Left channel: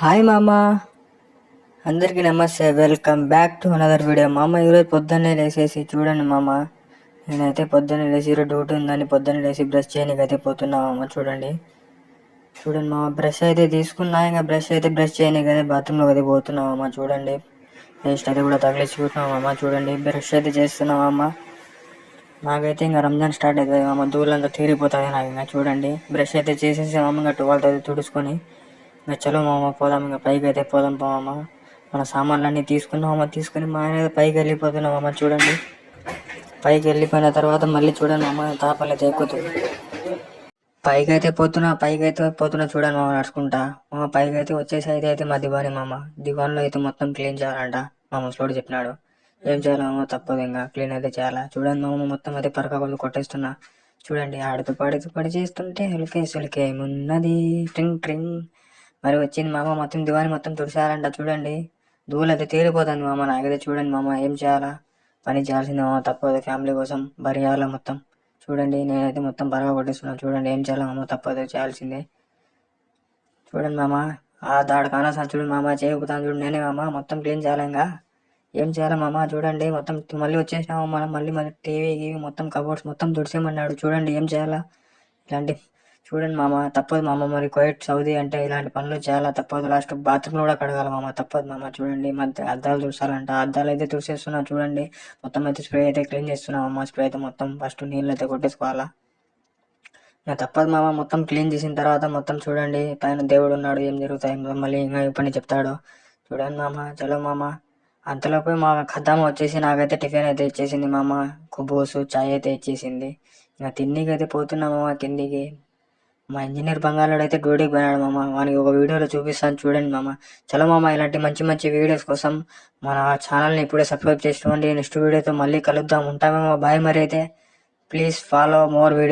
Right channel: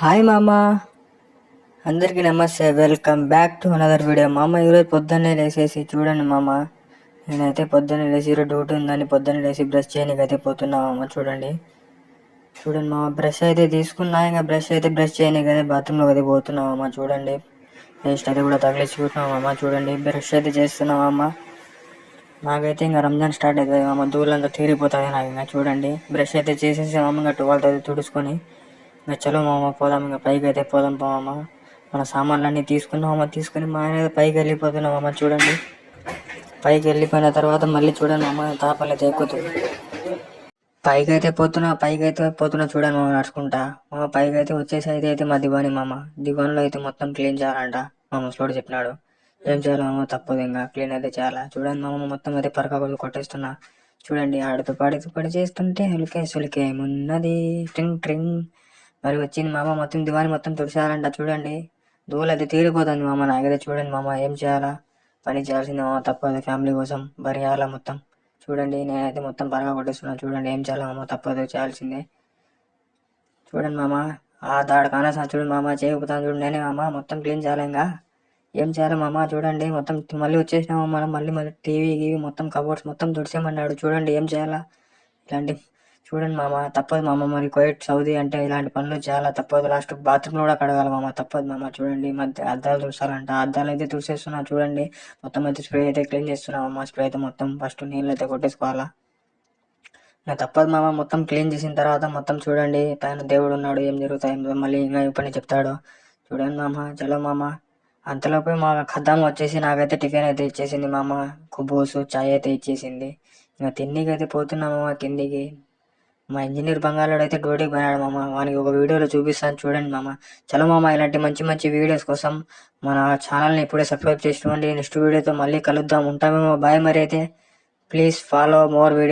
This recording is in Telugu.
హాయ్ మామ, అందరికీ నమస్తే. Welcome back to another video. మామ ఈరోజు పొద్దున్నే లేచేసి చూడండి మామ, నేనైతే పొద్దున్నే లేచి ఈరోజు డ్యూటీ ఉందని పొద్దున్నే లేచి బ్రష్ చేయడానికి అయితే పోతున్నా మామ. చూడండి మామ, బ్రష్ అయితే తీసుకున్నా. ఇంకా బ్రష్ చేయడానికి అయితే బాత్రూంలోకి అయితే పోతున్నా మామ. చూడండి పేస్ట్ అయితే కూడా తగిలించుకుంటున్నాం మామ. చూడండి బ్రష్ అయితే చేస్తున్నాం మామ. నాకైతే ఇంకా రంజాన్ స్టార్ట్ అవుతుంది మామ, దూరంతా తీరిపోతుంది నాకు. ఇంకా చూడండి బ్రష్ అయితే చేసేసి మామ, ఇంకా 12 అయితే తుడుచుకొని ఇంకా చలో మామ పోదాం. ఇంకా పైకి అయితే పోదాం మామ. మన సామాన్లు అన్నీ తీసుకున్నామమ్మ. తీసుకుని మా ఆయన పైకి వెళ్ళిపోతున్నామమ్మ. చూడండి పైకి వెళ్ళిపోయిన తర్వాత మళ్ళీ చూడండి మామ, తాపలు అయితే ఎక్కుతుంది. పైకి అయితే పోతున్నా చూడండి మామ, నడుచుకుంటా మామ. పైకి అయితే వచ్చేసి అయితే మా దివాని మామ. దివాన్లో అయితే మొత్తం క్లీన్ చేయాలంట మా ముసలోడు చెప్పినాడు. ఏం చేయాలి మామ, తప్పదు ఇంకా క్లీన్ అయితే చేయాలా. చూడండి మామ, మొత్తం అయితే పరకగొల్లు కొట్టేస్తున్నా. చూడండి ఆడుతూ పాడుతూ పడి చేస్తుంటే సులికేమున్నది ట్రింగ్ ట్రింగ్ మరి వచ్చింది మామ. మొత్తం దివాని మొత్తం తుడిచారంట. చూడండి దూలు అయితే తీరిపోతుంది మామ. నాకైతే చూడండి మామ, ఏం చేయాలా, పని చేయాల్సిందే మామ, తప్పదు. ఫ్యామిలీ కోసం బరిగాల మొత్తం. చూడండి నేనైతే మొత్తం బాగా కొట్టేస్తున్నాను. చూడండి ఏం చేయాలి మామ, తప్పదు, చేయాల్సిందే. చూడండి మామ, ఆ దాడ కానొస్తాను చూడండి మామ, చేయకపోతాను చూడండి నేనే మామ. మొత్తం క్లీన్ చేయాలి ఇంకా, ఏం చేయాలి మామ. చూడండి మొత్తం మళ్ళీ వచ్చేసినాము మనం. మళ్ళీ టీవీ మొత్తం కబోర్డ్స్ మొత్తం తుడిచేయమన్నాడు. చూడండి ఏం చేయాలా, ఇలాంటి చూడండి మామ, తప్పదు మామ. మరి కువైట్ సౌదీ అంటే ఇలాంటి పనులు చాలా తప్పదు. లాస్ట్ బాత్రూంలో కూడా కడగాలి మామ, తప్పదు మామ. చూడండి మధ్య అద్దాలు తుడిచాలంట. అద్దాలు అయితే తుడిచేస్తున్నా. చూడండి మొత్తం అయితే స్ప్రే అయితే క్లీన్ చేస్తున్నాం అమ్మ. స్ప్రే అయితే మొత్తం ఫస్ట్ నీళ్ళు అయితే కొట్టేసుకోవాలా. ఇంకా తప్పదు మామ. మొత్తం క్లీన్ చేసిన తర్వాత మొత్తం చూడండి పైన దేవుడు ఉన్నాడు, ఏం జరుగుతాయి మళ్ళీ ఇంకా పని చెప్తాడు. చూడండి మామ, చలో మామ. అంతలోపు మా ఖద్దామ వచ్చేసి నాకైతే టిఫిన్ అయితే ఇచ్చేసింది మామ. కుబోసు చాయ్ అయితే ఇచ్చేసింది. ఇంకా తిండికి అయితే పోతున్నా మామ కిందికి. మా ఇంజనీర్ బంగాళాడు అయితే డ్యూటీకి పోయాడు మామ. వానికి ఒక వీడియోలో చూపిస్తాను చూడండి మామ. చలో మామ, ఇలాంటి మంచి మంచి వీడియోస్ కోసం మన ఛానల్ని ఇప్పుడే సబ్స్క్రైబ్ చేసుకోండి. నెక్స్ట్ వీడియోతో మళ్ళీ కలుద్దాం. ఉంటామేమో, బాయ్. మరి అయితే ప్లీజ్ ఫాలో మోర్ వీడియో.